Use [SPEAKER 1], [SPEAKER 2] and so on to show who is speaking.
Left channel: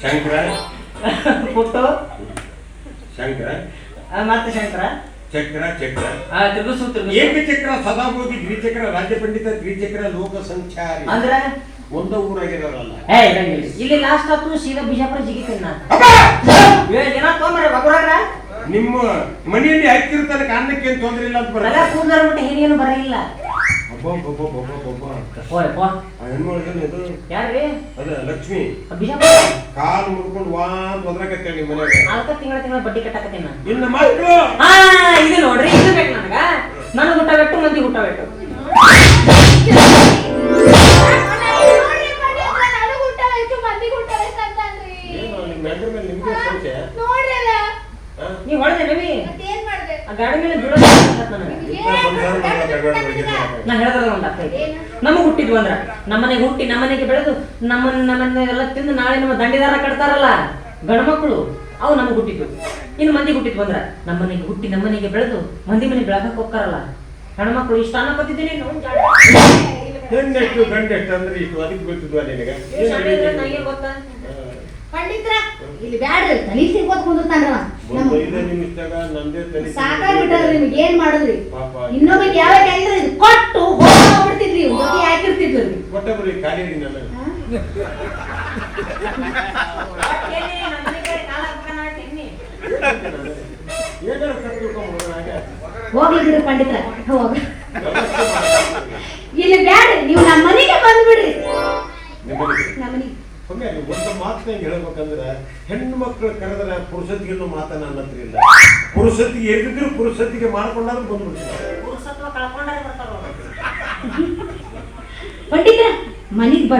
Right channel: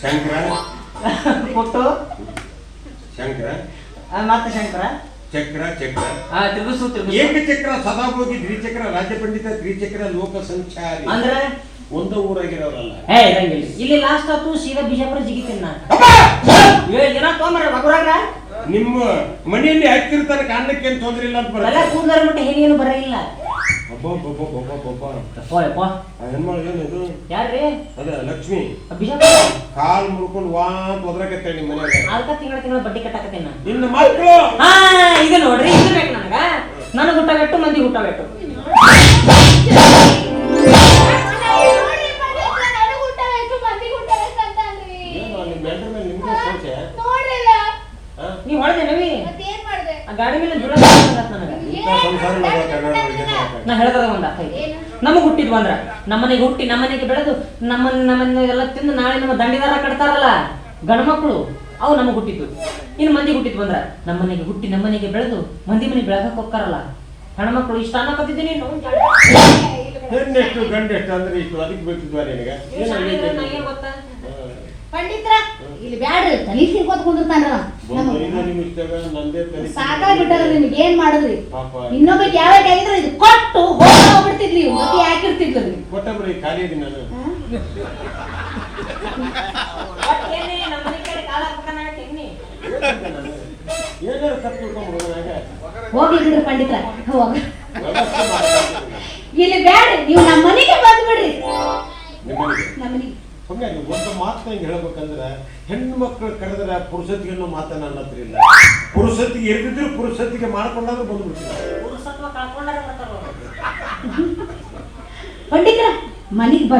[SPEAKER 1] ಶಂಕರ?
[SPEAKER 2] ಪುಟ್ಟು
[SPEAKER 1] ಶಂಕರ?
[SPEAKER 2] ಮತ್ತೆ ಶಂಕರ?
[SPEAKER 1] ಚಕ್ರ ಚಕ್ರ?
[SPEAKER 2] ತಿರುಗಿಸು ತಿರುಗಿಸು.
[SPEAKER 1] ಏಕಚಕ್ರ ಸದಾಭೋಗಿ ದ್ವಿಚಕ್ರ ರಾಜ್ಯ ಪಂಡಿತ ತ್ರಿಚಕ್ರ ಲೋಕ ಸಂಚಾರಿ
[SPEAKER 2] ಅಂದ್ರೆ?
[SPEAKER 1] ಒಂದ ಊರಾಗಿರೋರಲ್ಲ.
[SPEAKER 2] ಏ ಇರಂಗಿಲ್ಲ. ಇಲ್ಲಿ ಲಾಸ್ಟ್ ಆತು ಸೀದಾ ಬಿಜಾಪುರ ಜಿಗಿತೇನೆ ನಾನು. ಏ ಜನ ತೊಂದ್ರೆ ಬಗುರಾಗ
[SPEAKER 1] ನಿಮ್ಮ ಮನೆಯಲ್ಲಿ ಹತ್ತಿರ ಕಾರಣಕ್ಕೆ ಏನು ತೊಂದರೆ ಇಲ್ಲ ಅಂತ
[SPEAKER 2] ಬರ
[SPEAKER 1] ಬರಲ್ಲ
[SPEAKER 2] ಕೂದಲಾರ ಬಿಟ್ಟು ಏನೇನು ಬರಲಿಲ್ಲ
[SPEAKER 1] ಹೆಣ್ಮಗಳು ಇದು?
[SPEAKER 2] ಯಾರ್ರಿ?
[SPEAKER 1] ಅದ ಲಕ್ಷ್ಮಿ. ಕಾಲ್ ಮುರ್ಕೊಂಡು ವಾ ಅಂತ ಒದ್ರಕತ್ತೇಳ ನಿಮ್ಮ ಮನ್ಯಾಗ.
[SPEAKER 2] ಅದಕ್ಕ ತಿಂಗಳ ತಿಂಗಳ ಬಡ್ಡಿ ಕಟ್ಟಾಕತ್ತೀನಿ ನಾನು.
[SPEAKER 1] ನಿಮ್ಮ ಮಕ್ಕಳು!
[SPEAKER 2] ಹಾ ಇದು ನೋಡ್ರಿ ಇದು ಬೇಕು ನನಗ. ನನಗೆ ಊಟ ಬಿಟ್ಟು ಮಂದಿ ಊಟ ಬಿಟ್ಟು.
[SPEAKER 1] ಏನು ನಿಮ್ಮ ಹೆಂಡ್ರ ಮೇಲೆ ನಿಮ್ಗೆ ಸಂಶಯ? ಹಾ?
[SPEAKER 2] ನೀವ್ ಹೊಡೆದೆ ನವಿ ಆ ಗಾಡಿ ಮೇಲೆ ದುಡ್ಡ
[SPEAKER 1] ಆಗಲ್ಲ ಬೆಳಗ್ಗೆ
[SPEAKER 2] ನಾ ಹೇಳ್ದಾಗ ಒಂದ್ ಅರ್ಥ ಐತಿ. ನಮಗ್ ಹುಟ್ಟಿದ್ವು ಅಂದ್ರ ನಮ್ಮನೆಗೆ ಹುಟ್ಟಿ ನಮ್ಮನೆಗೆ ಬೆಳೆದು ನಮ್ಮನ್ನ ನಮ್ಮನೆಲ್ಲ ಎಲ್ಲ ತಿಂದು ನಾಳೆ ನಮ್ಮ ದಂಡಿದಾರ ಕಟ್ತಾರಲ್ಲ ಗಂಡ್ಮಕ್ಳು ಅವು ನಮಗ್ ಹುಟ್ಟಿದ್ವು. ಇನ್ನು ಮಂದಿ ಹುಟ್ಟಿದ್ವು ಅಂದ್ರ ನಮ್ಮನೆಗೆ ಹುಟ್ಟಿ ನಮ್ಮನೆಗೆ ಬೆಳೆದು ಮಂದಿ ಮನೆ ಬೆಳಗಕ್ ಹೋಗ್ತಾರಲ್ಲ. ಹೆಣ್ಮಕ್ಳು ಇಷ್ಟ ಅನ್ನಕತ್ತಿದ್ದೀನಿ
[SPEAKER 1] ಹೆಣ್ಣೆಷ್ಟು ಗಂಡೆಷ್ಟು ಅಂದ್ರೆ ಇಷ್ಟು ಅದಕ್ಕೆ ಬೀಳ್ತಿದ್ವ ನಿನಗೆ? ಏನು
[SPEAKER 2] ಗೊತ್ತಾ?
[SPEAKER 3] ಪಂಡಿತ್ರ ಇಲ್ಲಿ ಬ್ಯಾಡ್ರಿ ತಲೆ ಕುಂದಿರ್ತಾನಲ್ಲ ನಿಮ್ಗೆ ಏನ್ ಮಾಡುದ್ರಿ? ಇನ್ನೊಬ್ಬಕ್ಕೆ ಯಾವ ಆಗಿದ್ರೆ ಇದು ಕೊಟ್ಟು ಹೋಗ್ಬಿಡ್ತಿದ್ರಿ. ಹೋಗಿ ಹಾಕಿರ್ತಿದ್ರಿ
[SPEAKER 1] ಕೊಟ್ಟಬ್ರಿ ಬರೀ ಖಾಲಿ ಇದೀನಿ ನಾನು.
[SPEAKER 3] ಹೋಗ್ಲಿ ಬಿಡ್ರಿ ಪಂಡಿತ್ರ. ಹೋಗ್ರಿ. ಇಲ್ಲಿ ಬೇಡ ನೀವು ನಮ್ಮ ಮನೆಗೆ ಬಂದ್ಬಿಡ್ರಿ
[SPEAKER 1] ನಿಮ್ಮನೆಗೆ.
[SPEAKER 3] ನಮ್ಮ ಮನೆಗೆ
[SPEAKER 1] ಒಮ್ಮೆ ಒಂದು ಮಾತು ಹಿಂಗೆ ಹೇಳ್ಬೇಕಂದ್ರೆ ಹೆಣ್ಣು ಮಕ್ಕಳು ಕರೆದ್ರೆ ಪುರುಷತ್ತಿಗೆ ಅನ್ನೋ ಮಾತನ್ನ ಹತ್ರ ಪುರುಷತ್ತಿಗೆ ಎದ್ದಿದ್ರು ಪುರುಷತ್ತಿಗೆ ಮಾಡ್ಕೊಂಡಾದ್ರೂ ಬಂದ್ಬಿಡ್ತೀನಿ ಪಂಡಿತ
[SPEAKER 2] ಪುರುಷತ್ವ ಬರ್ತಾರ.
[SPEAKER 3] ಪಂಡಿತ್ರ ಮನೆಗೆ ಬರ್ರಿ